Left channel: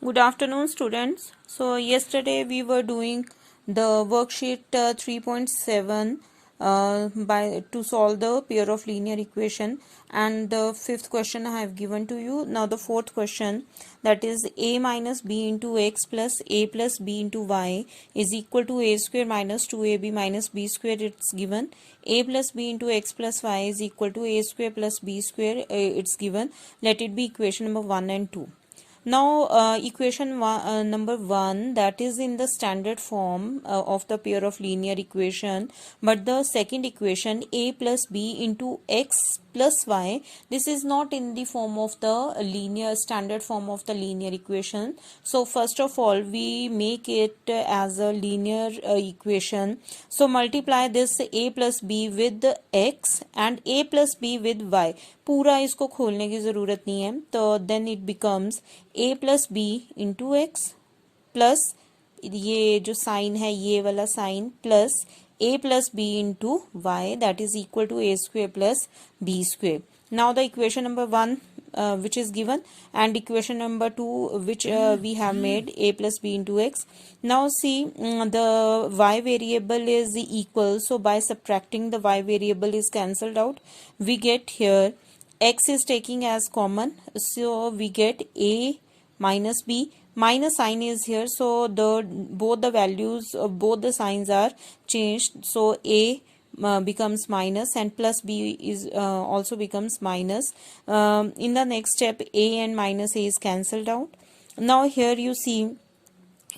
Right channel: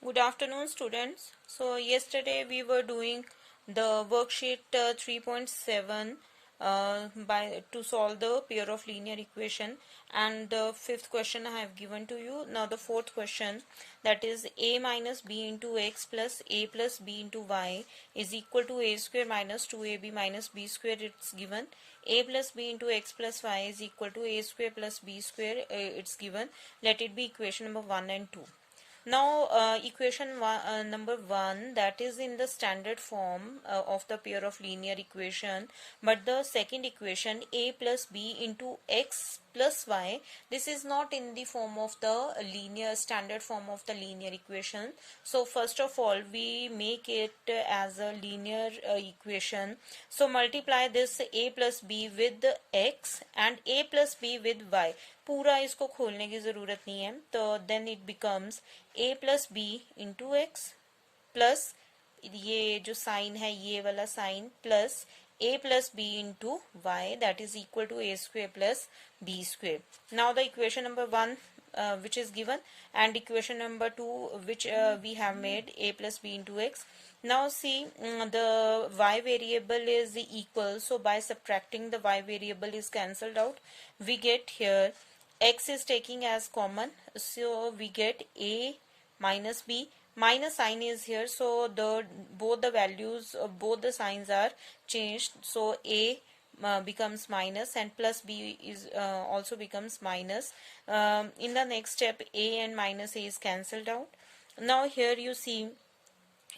Good afternoon, students. So, yesterday we were doing the worksheet 3.7 by to solve the pair of linear equation, and the fifth question I have given to you. Now, the fourth question, that is a minus b into x plus a plus b into y is equal to a square minus 2ab minus b square. It's given. A plus b into x plus y is equal to a square plus b square. It's given. Let it be equation number 1 and 2. Now, equation number 1, that is in the standard form of the pair of linear equation, but the second equation a plus b into x plus y, this is not in the form of the linear standard form of the linear equation. So first of all, we make it as a linear equation. So multiply this a plus b with x and a plus b with y. पूरा इसको खोलने की ज़रूरत नहीं है, तो then it becomes a plus B into X plus ये जो साइन है ये वाला sign plus a plus B into Y, that is equal to a square plus b square. Now the equation number 1 which is given, and equation number 2 which we have made a plus b into x. Now see, the y variable is equal, so by subtracting the y variable is cancelled out. We get here x is taking as common, so we get a minus b. Minus sign is here, so both the values of both the signs are changed, so a becomes minus and plus b is also becomes minus. In the next step, a and minus a is cancelled out. Now here you see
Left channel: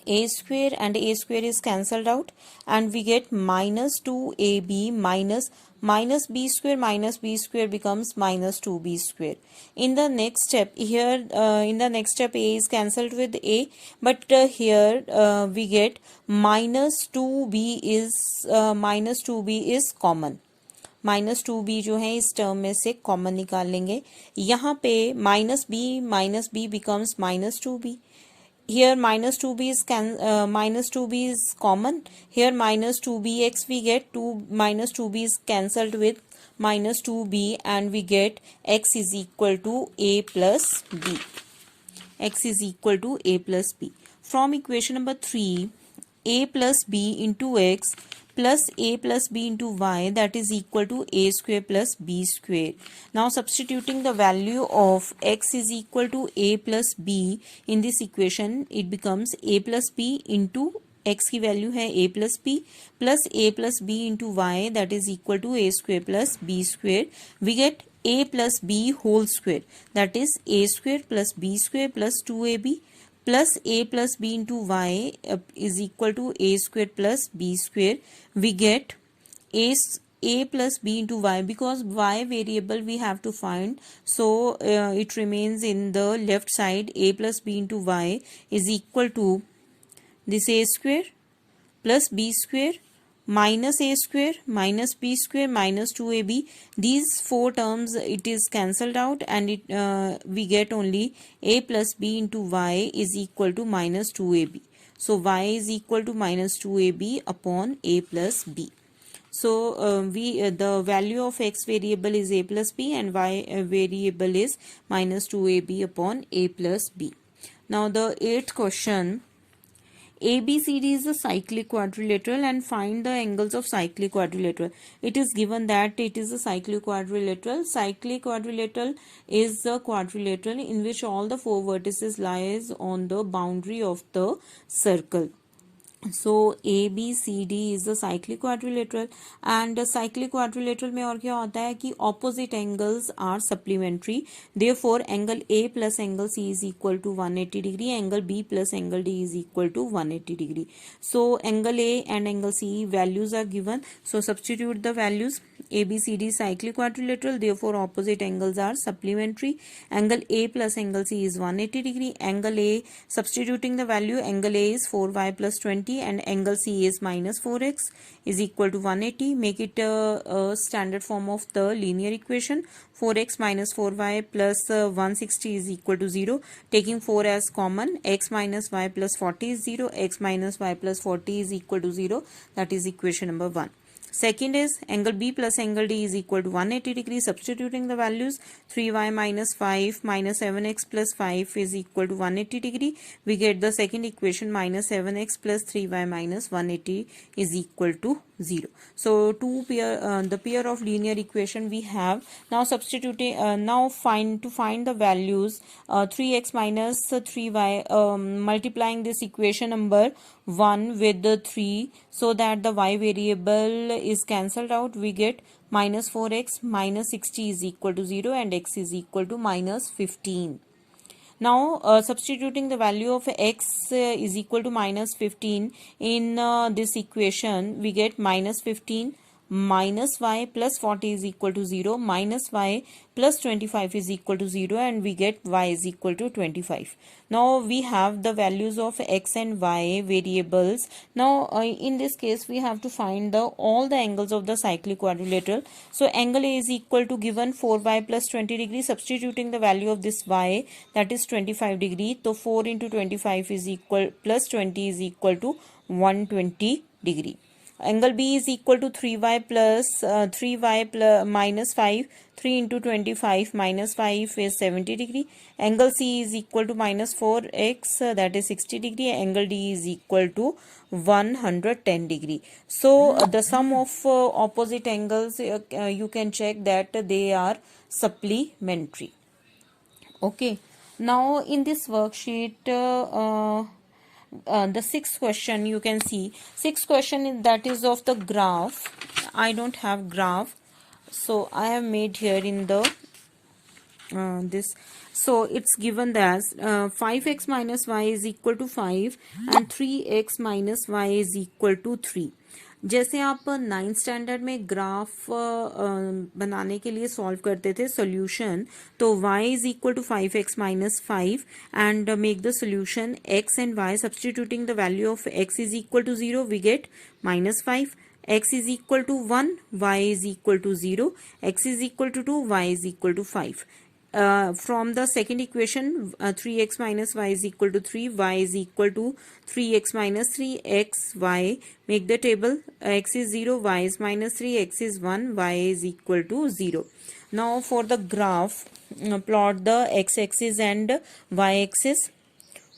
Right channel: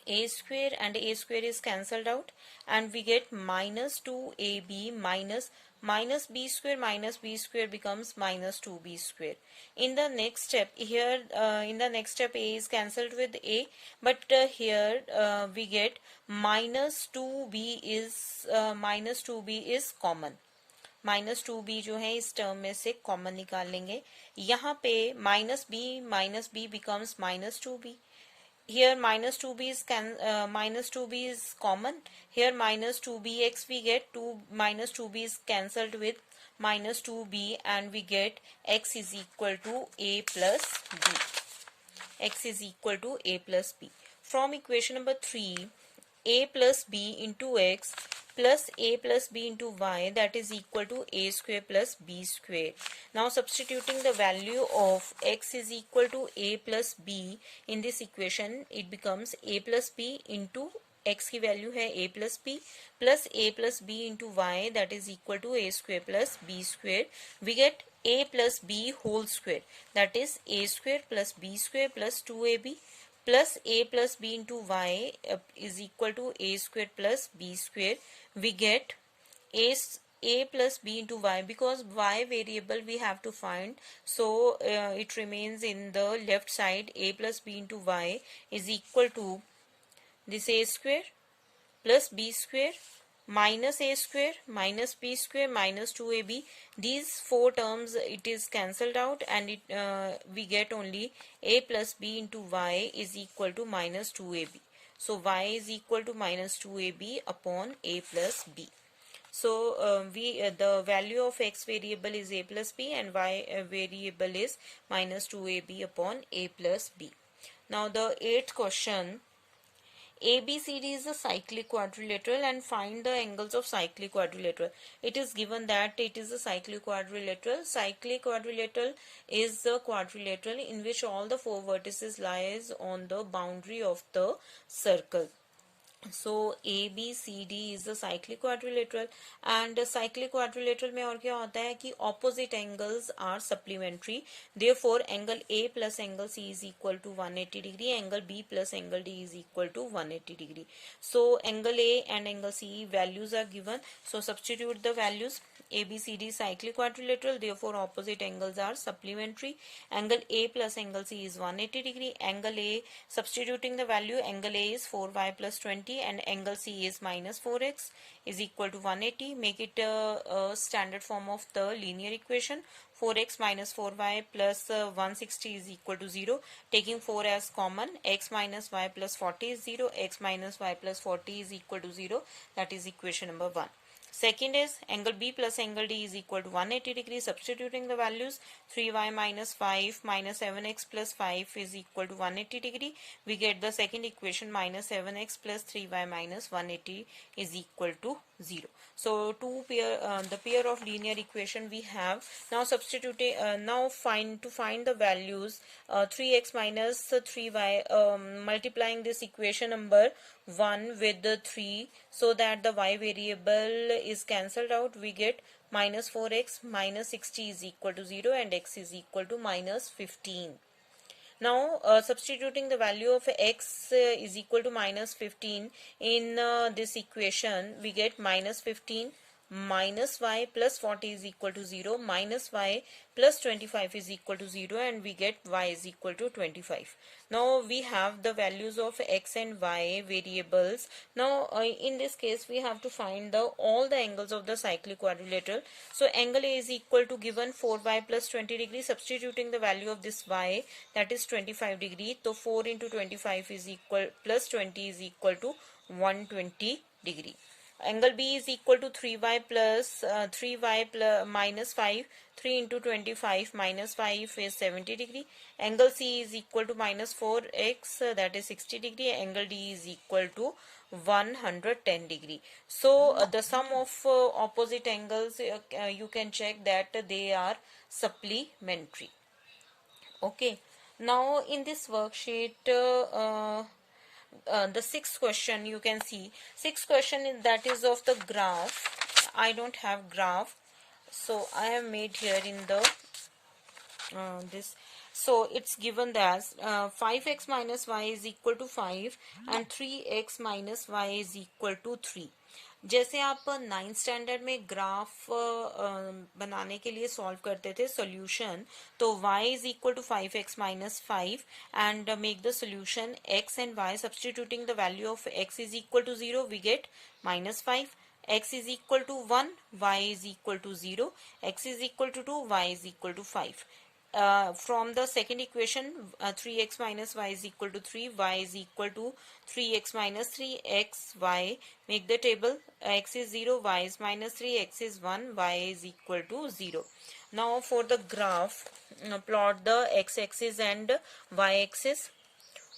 a square and a square is cancelled out, and we get minus 2ab minus b square becomes minus 2b square. In the next step, here a is cancelled with a, but here we get minus 2b is common. Minus 2b जो है इस term में से common निकाल लेंगे. यहाँ पे minus B becomes minus 2b. Here minus 2b is common. Here minus 2bx we get 2 minus 2b is cancelled with minus 2b, and we get x is equal to a plus b. X is equal to a plus b. From equation number 3, a plus b into x plus a plus b into y, that is equal to a square plus b square. Now substituting the value of x is equal to a plus b in this equation, it becomes a plus b into x की value है a plus b plus a plus b into y, that is equal to a square plus b square. We get a plus b whole square, that is a square plus b square plus 2ab plus a plus b into y is equal to a square plus b square. We get a plus b into y, because y variable we have to find, so it remains in the left side. A plus b into y is equal to this a square plus b square minus a square minus b square minus 2ab. These four terms it is cancelled out, and we get only a plus b into y is equal to minus 2ab. So y is equal to minus 2ab upon a plus b. So the value of x variable is a plus b, and y variable is minus 2ab upon a plus b. Now the eighth question, ABCD is a cyclic quadrilateral and find the angles of cyclic quadrilateral. It is given that it is a cyclic quadrilateral. Cyclic quadrilateral is a quadrilateral in which all the four vertices lies on the boundary of the circle. So ABCD is a cyclic quadrilateral, and cyclic quadrilateral में और क्या होता है कि opposite angles are supplementary. Therefore angle A plus angle C is equal to 180 degree. Angle B plus angle D is equal to 180 degree. So angle A and angle C values are given. So substitute the values. ABCD cyclic quadrilateral, therefore opposite angles are supplementary. Angle A plus angle C is 180 degree. Angle A, substituting the value, angle A is 4y plus 20 and angle C is minus 4x is equal to 180. Make it a standard form of the linear equation. 4x minus 4y plus 160 is equal to 0. Taking 4 as common, x minus y plus 40 is 0. X minus y plus 40 is equal to 0. That is equation number 1. Second is angle B plus angle D is equal to 180 degrees. Substituting the values, 3y minus 5 minus 7x plus 5 is equal to 180 degree. We get the second equation, minus 7x plus 3y minus 180 is equal to 0. So the pair of linear equation we have. Now substituting, now find the values, 3x minus 3y, multiplying this equation number 1 with the 3, so that the y variable is cancelled out. We get minus 4x minus 60 is equal to 0 and x is equal to minus 15. Now substituting the value of x is equal to minus 15 in this equation, we get minus 15 minus y plus 40 is equal to 0, minus y plus 25 is equal to 0, and we get y is equal to 25. Now we have the values of x and y variables. Now in this case we have to find all the angles of the cyclic quadrilateral. So angle A is equal to, given 4y plus 20 degree, substituting the value of this y, that is 25 degree. So 4 into 25 is equal, plus 20 is equal to 120 degree. Angle B is equal to 3y plus 3y plus minus 5. 3 into 25 minus 5 is 70 degree. Angle C is equal to minus 4x, that is 60 degree. Angle D is equal to 110 degree. So the sum of opposite angles, you can check that they are supplementary. Okay. Now in this worksheet, the sixth question, you can see sixth question is, that is of the graph. I don't have graph, so I have made here in the this. So it's given as 5x minus y is equal to 5 and 3x minus y is equal to 3. जैसे आप 9th standard में graph बनाने के लिए solve करते थे solution, तो y is equal to 5x minus 5 and make the solution x and y. Substituting the value of x is equal to 0, we get minus 5. X is equal to 1, y is equal to 0, x is equal to 2, y is equal to 5. From the second equation, 3x minus y is equal to 3, y is equal to 3x minus 3, x, y. Make the table, x is 0, y is minus 3, x is 1, y is equal to 0. Now for the graph, plot the x-axis and y-axis.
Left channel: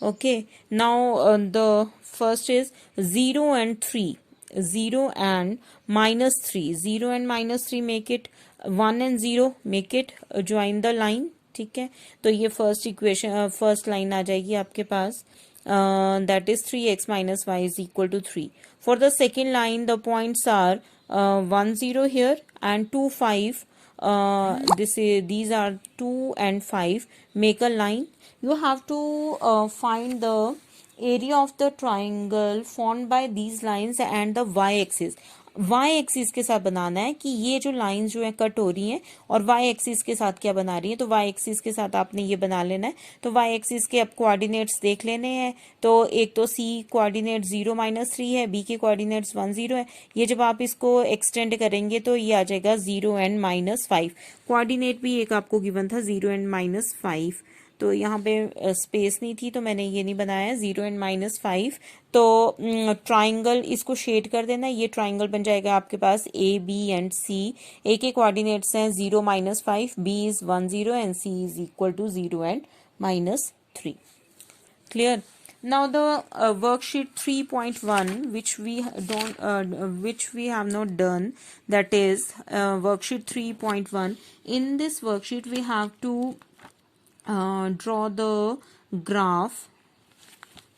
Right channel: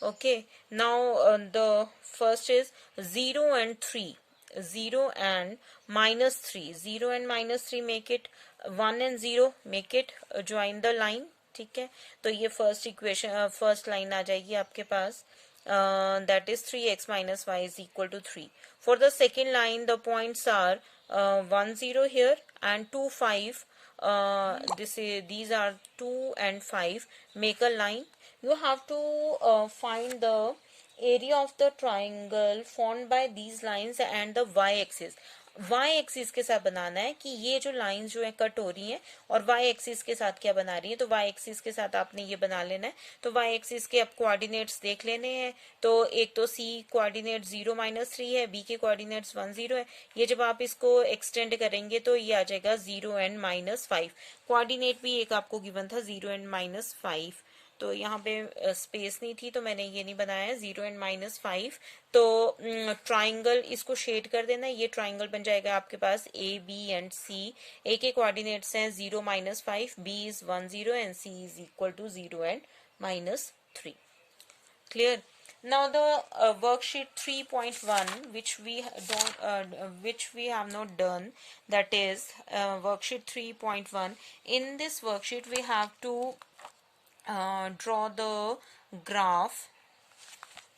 Okay, now the first is 0 and 3. 0 and minus 3. 0 and minus 3 make it 1 and 0, make it join the line. ठीक है, तो ये first equation, first line आ जाएगी आपके पास, that is 3x minus y is equal to 3. For the second line, the points are 1 0 here and 2 5. These are 2 and 5. Make a line. You have to find the area of the triangle formed by these lines and the y-axis. y-axis के साथ बनाना है कि ये जो lines जो है cut हो रही हैं, और y-axis के साथ क्या बना रही है, तो y-axis के साथ आपने ये बना लेना है. तो y-axis के अब कोऑर्डिनेट्स देख लेने हैं. तो एक तो c कोऑर्डिनेट 0 माइनस 3 है, b के कोऑर्डिनेट्स 1 0 है. ये जब आप इसको एक्सटेंड करेंगे तो ये आ जाएगा 0 एंड माइनस 5. कोऑर्डिनेट भी एक आपको गिवन था 0 एंड माइनस 5. तो यहाँ पे स्पेस नहीं थी तो मैंने ये नहीं बनाया, 0 एंड माइनस 5. तो ट्राइंगल इसको शेड कर देना. ये ट्राइंगल बन जाएगा आपके पास ए बी एंड सी. ए के कोऑर्डिनेट्स हैं 0 minus 5, B is 1 0 and C is equal to 0 and minus 3. Clear. Now the worksheet 3.1, which we have not done, that is worksheet 3.1. In this worksheet we have to draw the graph.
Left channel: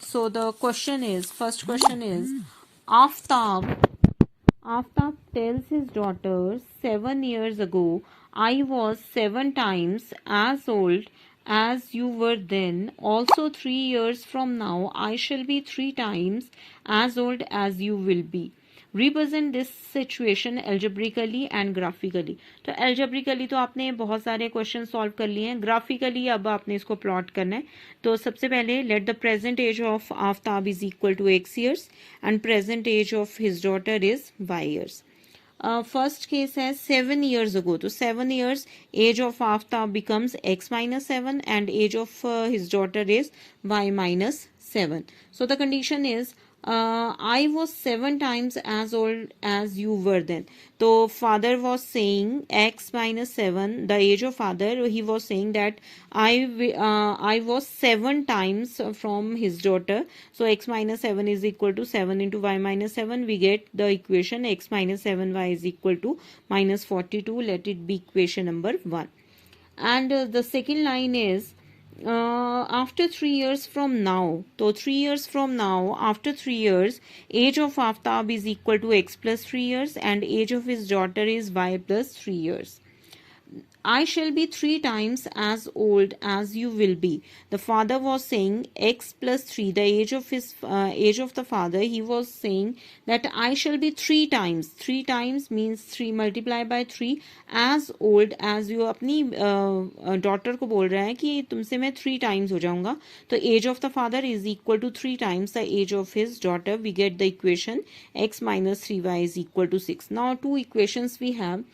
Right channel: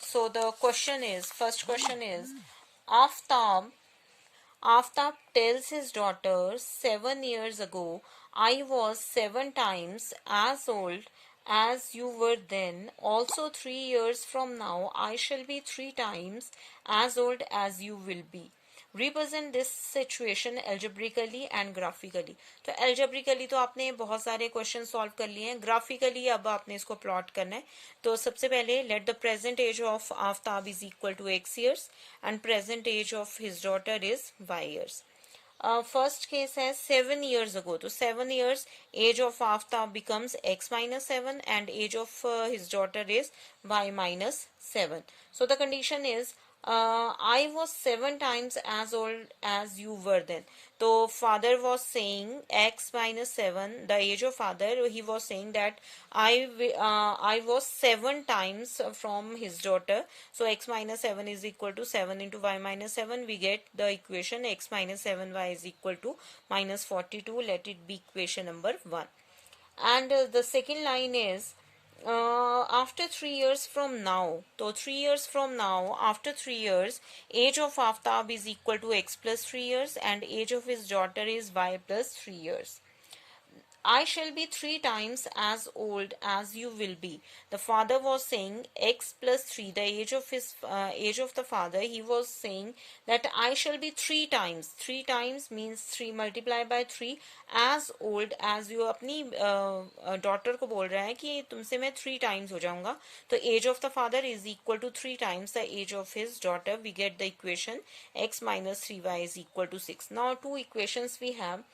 So the question is, first question is, Aftab tells his daughter, 7 years ago I was 7 times as old as you were then. Also 3 years from now I shall be 3 times as old as you will be. Represent this situation algebraically and graphically. तो algebraically तो आपने बहुत सारे question solve कर लिए हैं. Graphically अब आपने इसको प्लॉट करना है. तो सबसे पहले let the present age of Aftab is equal to x years and present age of his daughter is y years. First case है 7 years ago. तो 7 years, age of Aftab becomes x minus 7 and age of his daughter is y minus 7. So the condition is I was 7 times as old as you were then. So father was saying x minus 7, the age of father, he was saying that I was 7 times from his daughter. So x minus 7 is equal to 7 into y minus 7. We get the equation x minus 7y is equal to minus 42. Let it be equation number 1. And the second line is after 3 years from now. So 3 years from now, after 3 years, age of Aftab is equal to x plus 3 years and age of his daughter is y plus 3 years. I shall be 3 times as old as you will be. The father was saying x plus 3, the age of the father, he was saying that I shall be 3 times. 3 times means 3 multiplied by 3 as old as you. अपनी daughter को बोल रहा है कि तुमसे मैं 3 times हो जाऊंगा. तो age of the father is equal to 3 times the age of his daughter. We get the equation x minus 3y is equal to 6. Now 2 equations we have.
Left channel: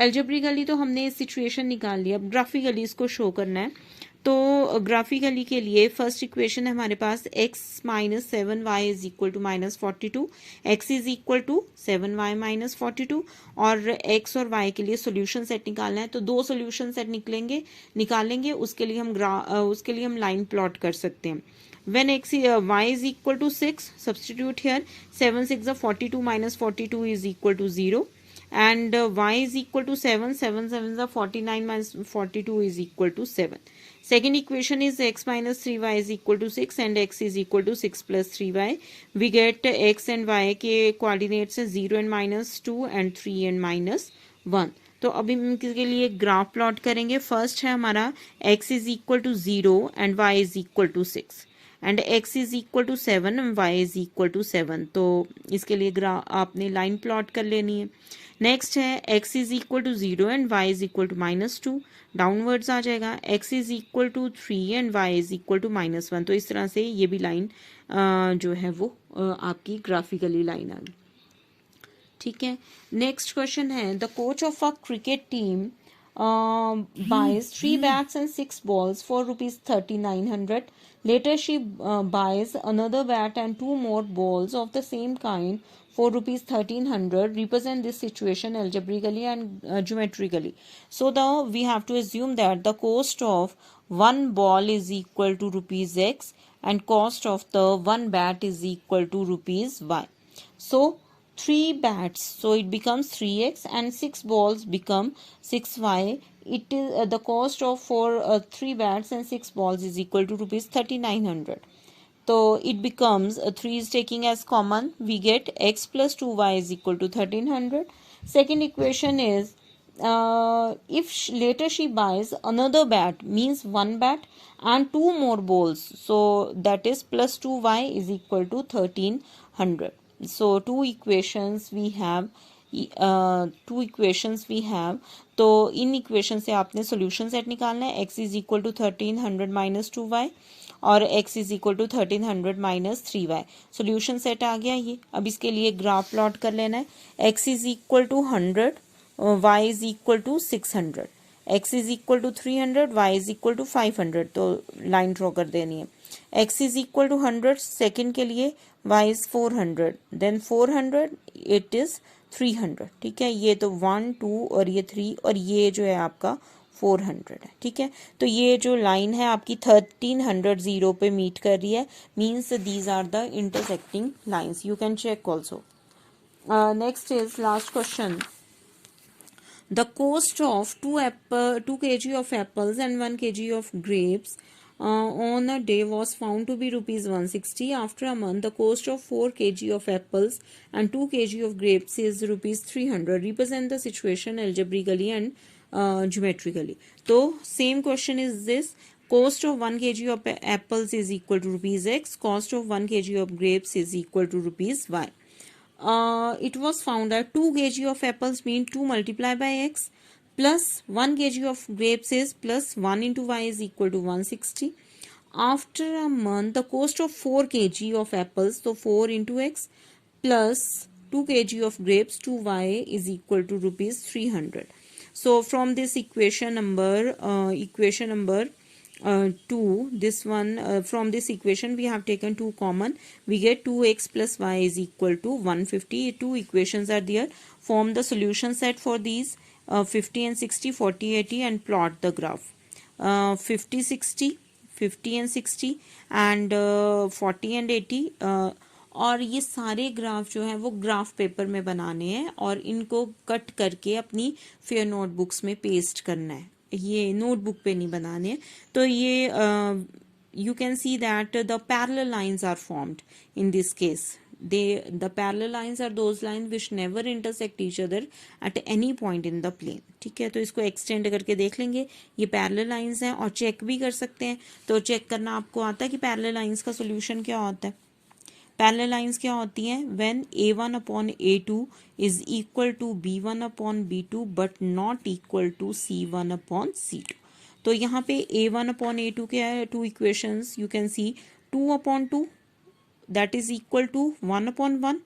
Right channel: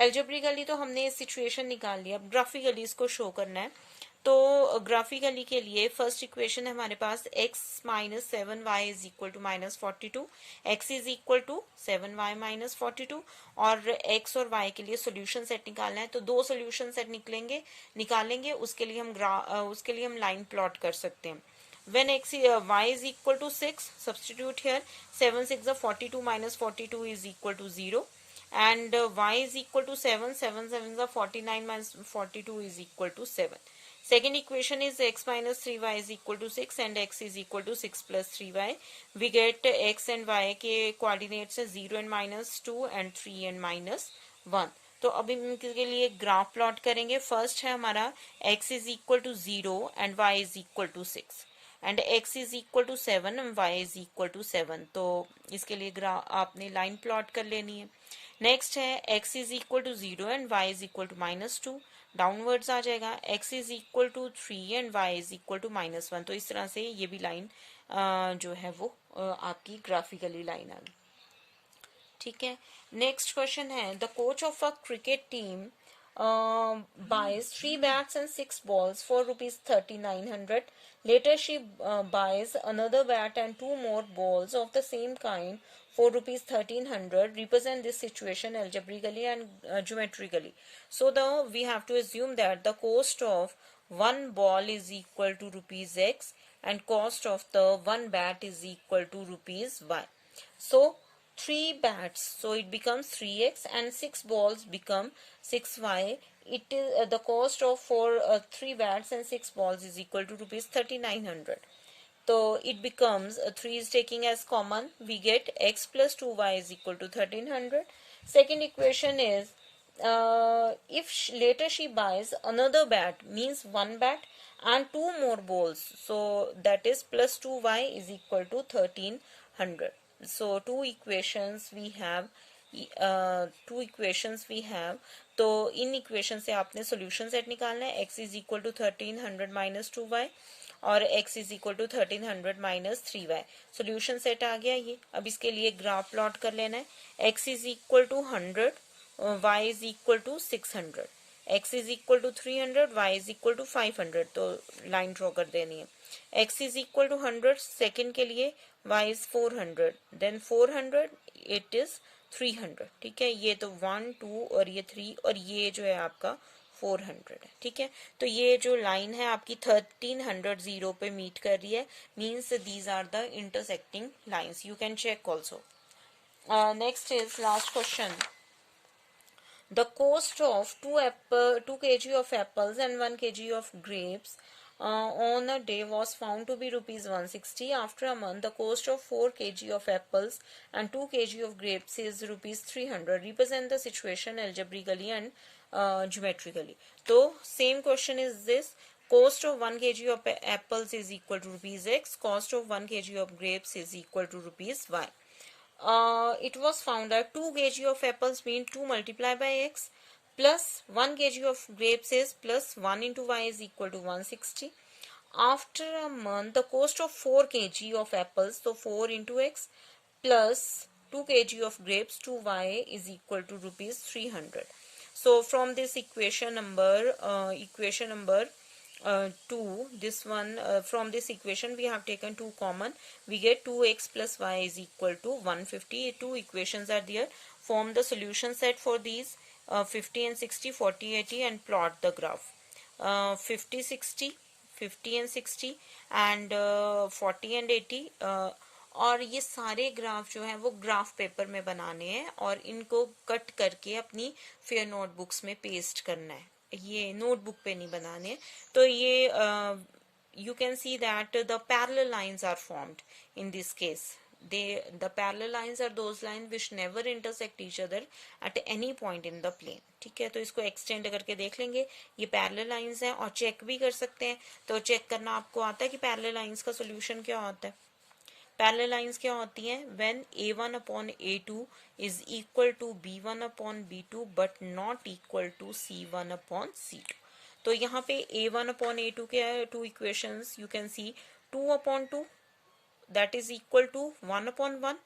Algebraically तो हमने सिचुएशन निकाल लिया, अब ग्राफिकली इसको show करना है. तो graphically के लिए फर्स्ट इक्वेशन है हमारे पास x minus 7y is equal to minus 42, x is equal to 7y minus 42, और x और y के लिए सोल्यूशन सेट निकालना है. तो 2 सोल्यूशन सेट निकालेंगे उसके लिए हम लाइन प्लॉट कर सकते हैं. When y is equal to 6, substitute here. 7 6 is 42 minus 42 is equal to 0. And y is equal to 7. 7 7 is 49 minus 42 is equal to 7. Second equation is x minus 3y is equal to 6 and x is equal to 6 plus 3y. We get x and y के coordinates है 0 and minus 2 and 3 and minus 1. तो अभी हम इसके लिए graph plot करेंगे. First है हमारा x is equal to 0 and y is equal to 6. And x is equal to 7 and y is equal to 7. तो इसके लिए आपने लाइन प्लॉट कर लेनी है. नेक्स्ट है x is equal to 0 and y is equal to minus 2. Downwards आ जाएगा. x is equal to 3 and y is equal to minus 1. तो इस तरह से ये भी लाइन जो है वो आपकी ग्राफिकली लाइन आ गई. ठीक है. नेक्स्ट क्वेश्चन है the coach of a cricket team buys 3 bats and 6 balls for rupees 3900. Later she buys another bat and 2 more balls of the same kind for rupees 1300. Represent this situation algebraically and geometrically. So we have to assume that the cost of one ball is equal to rupees x and cost of the one bat is equal to rupees y. So 3 bats, so it becomes 3x, and 6 balls become 6y. It is the cost of for 3 bats and 6 balls is equal to rupees 3900. So it becomes 3 is taking as common. We get x plus 2y is equal to 1300. Second equation is if later she buys another bat, means 1 bat and 2 more balls, so that is plus 2y is equal to 1300. So two equations we have. तो in equation से आपने solution set निकालना है. x is equal to 1300 minus 2y और x is equal to 1300 minus 3y. Solution set आ गया ये. अब इसके लिए ग्राफ प्लॉट कर लेना है. x is equal to 100, y is equal to 600, x is equal to 300, y is equal to 500. तो लाइन ड्रॉ कर देनी है. x is equal to 100 second के लिए, y is 400, then 400 it is 300. ठीक है. ये तो 1 2 और ये 3 और ये जो है आपका 400 है. ठीक है. तो ये जो लाइन है आपकी 1300 0 पे मीट कर रही है. Means these are the intersecting lines. You can check also. Next is last question. The cost of 2 kg of apples and 1 kg of grapes on a day was found to be rupees 160. After a month, the cost of 4 kg of apples and 2 kg of grapes is rupees 300. Represent the situation algebraically and geometrically. So same question is this. Cost of 1 kg of apples is equal to rupees x. Cost of 1 kg of grapes is equal to rupees y. It was found that 2 kg of apples mean 2 multiplied by x plus 1 kg of grapes is plus 1 into y is equal to 160. After a month, the cost of 4 kg of apples, so 4 into x plus 2 kg of grapes to y is equal to rupees 300. So from this equation number 2, this one, from this equation we have taken 2 common, we get 2x plus y is equal to 150. Two equations are there. Form the solution set for these 50 and 60, 40, 80 and plot the graph. 50, 60, 50 and 60 and 40 and 80, और ये सारे graph जो हैं वो graph paper में बनाने हैं और इनको कट करके अपनी फेयर नोटबुक्स में पेस्ट करना है, ये नोटबुक पे नहीं बनाने। तो ये you can see that the parallel lines are formed in this case. The parallel lines are those lines which never intersect each other at any point in the plane. ठीक है, तो इसको एक्सटेंड करके देख लेंगे। ये पैरेलल लाइंस हैं और चेक भी कर सकते हैं। तो चेक करना आपको आता है कि पैरेलल लाइंस का सोल्यूशन क्या होता है। पैरेलल लाइंस क्या होती हैं? When a1 upon a2 is equal to b1 upon b2 but not equal to c1 upon c2। तो यहाँ पे a1 अपॉन a2 क्या है? Two equations you can see 2 upon 2 that is equal to 1 upon 1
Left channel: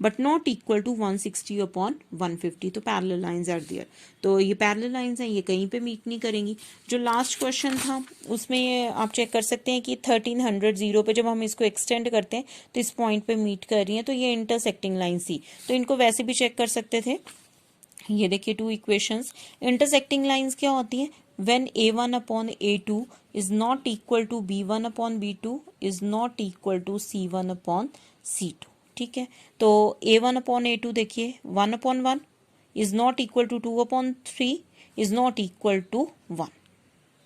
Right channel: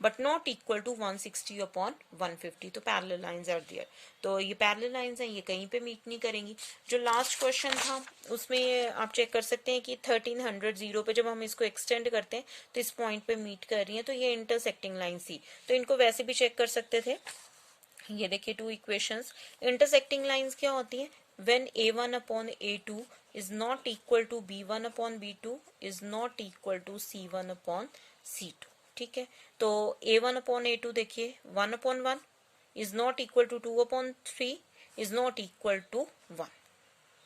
but not equal to 160 upon 150। तो parallel lines are there. तो ये parallel lines हैं, ये कहीं पे मीट नहीं करेंगी। जो लास्ट क्वेश्चन था उसमें ये आप चेक कर सकते हैं कि 1300 जीरो पे जब हम इसको एक्सटेंड करते हैं तो इस पॉइंट पे मीट कर रही हैं, तो ये इंटरसेक्टिंग लाइन थी। तो इनको वैसे भी चेक कर सकते थे। ये देखिए टू इक्वेशंस। इंटरसेक्टिंग लाइंस क्या होती हैं? When a1 upon a2 is not equal to b1 upon b2 is not equal to c1 upon c2। ठीक है, तो a1 अपॉन a2 देखिए 1 upon 1 is not equal to 2 upon 3 is not equal to 1।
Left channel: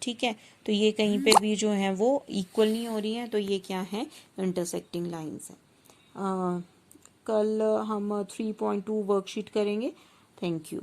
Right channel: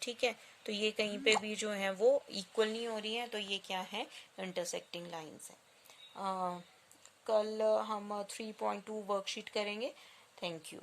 ठीक है, तो ये कहीं पे भी जो है वो इक्वल नहीं हो रही है, तो ये क्या है? इंटरसेक्टिंग लाइंस है। कल हम 3.2 वर्कशीट करेंगे। Thank you.